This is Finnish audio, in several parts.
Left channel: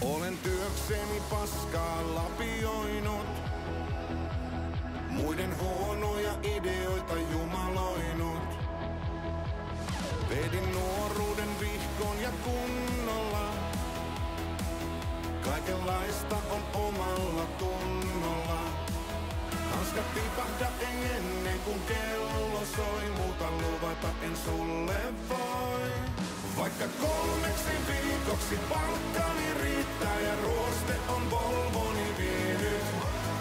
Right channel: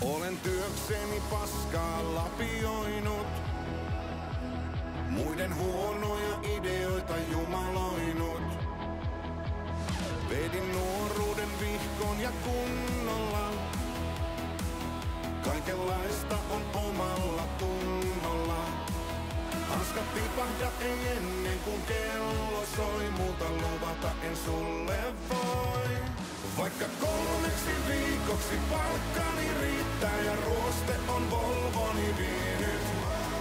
Olen työkseni paskaa lapioinut, muiden huonoja ideoita jumaloinut. Vedin nuoruuden vihkon ja kunnolla, kaikenlaista on omalla tunnolla. Hanskat tipahda ei ennen kuin kello soi, muuta luvata en sulle voi. Vaikka 3 viikoksi palkkani riittää ja ruoste on Volvoni vienyt.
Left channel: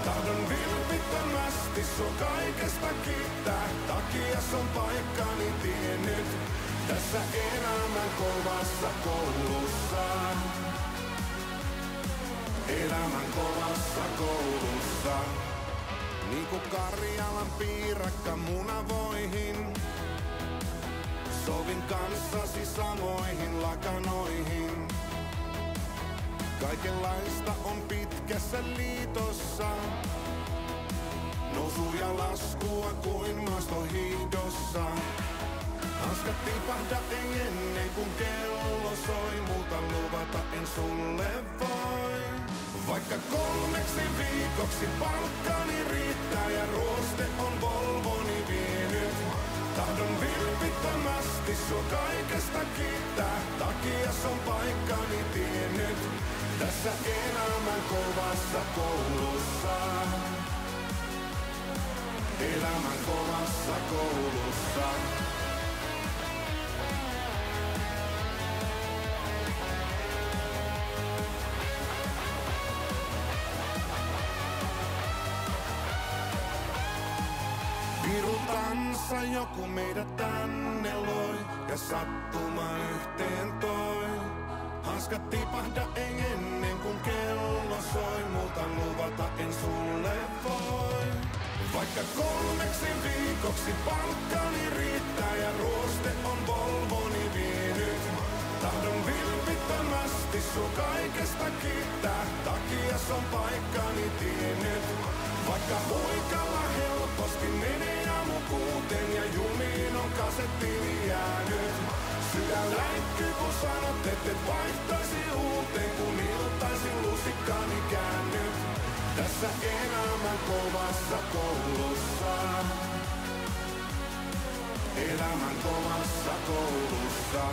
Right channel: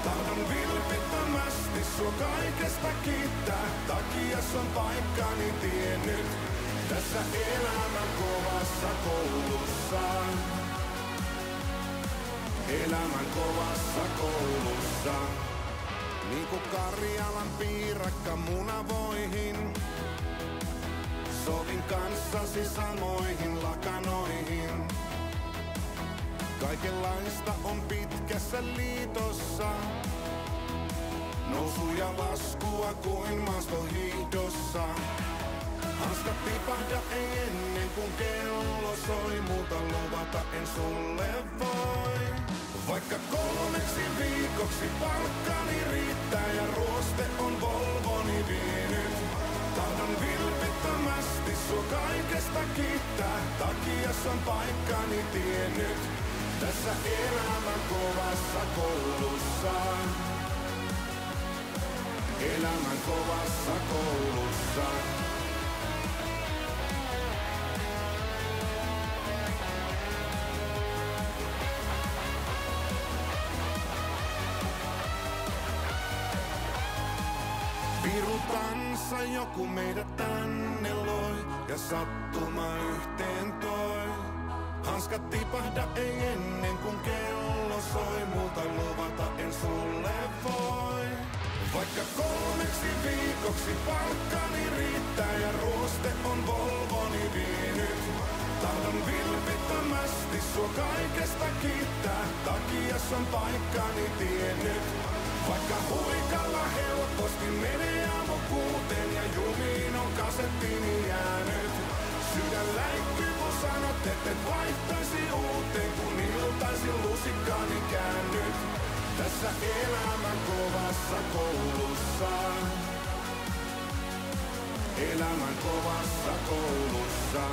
Tahdon vilpittömästi sua kaikesta kiittää, takias on paikkani tiennyt. Tässä elämän kovassa koulussa, elämän kovassa koulussa. Niinku Karjalan piirakka munavoihin, sovin kanssasi samoihin lakanoihin. Kaikenlaista on pitkässä liitossa, nousu ja laskua kuin maastohiihdossa. Hanskat tipahda ei ennen kuin kello soi, muuta luvata en sulle voi. Vaikka 3 viikoksi palkkani riittää ja ruoste on Volvoni vienyt. Tahdon vilpittömästi sua kaikesta kiittää, takias on paikkani tiennyt. Tässä elämän kovassa koulussa, elämän kovassa koulussa. Virutansa joku meidät tänne loi ja sattuma yhteen toi. Hanskat tipahda ei ennen kuin kello soi, muuta luvata en sulle voi. Vaikka 3 viikoksi palkkani riittää ja ruoste on Volvoni vienyt. Tahdon vilpittömästi sua kaikesta kiittää, takias on paikkani tiennyt. Vaikka huikalla helposti menee aamu 6 ja jumiin on kasettiini jäänyt. Sydän läikkyy kun sanot, et vaihtaisi uuteen, kun iltaisin lusikkani käännyt. Tässä elämän kovassa koulussa, elämän kovassa koulussa.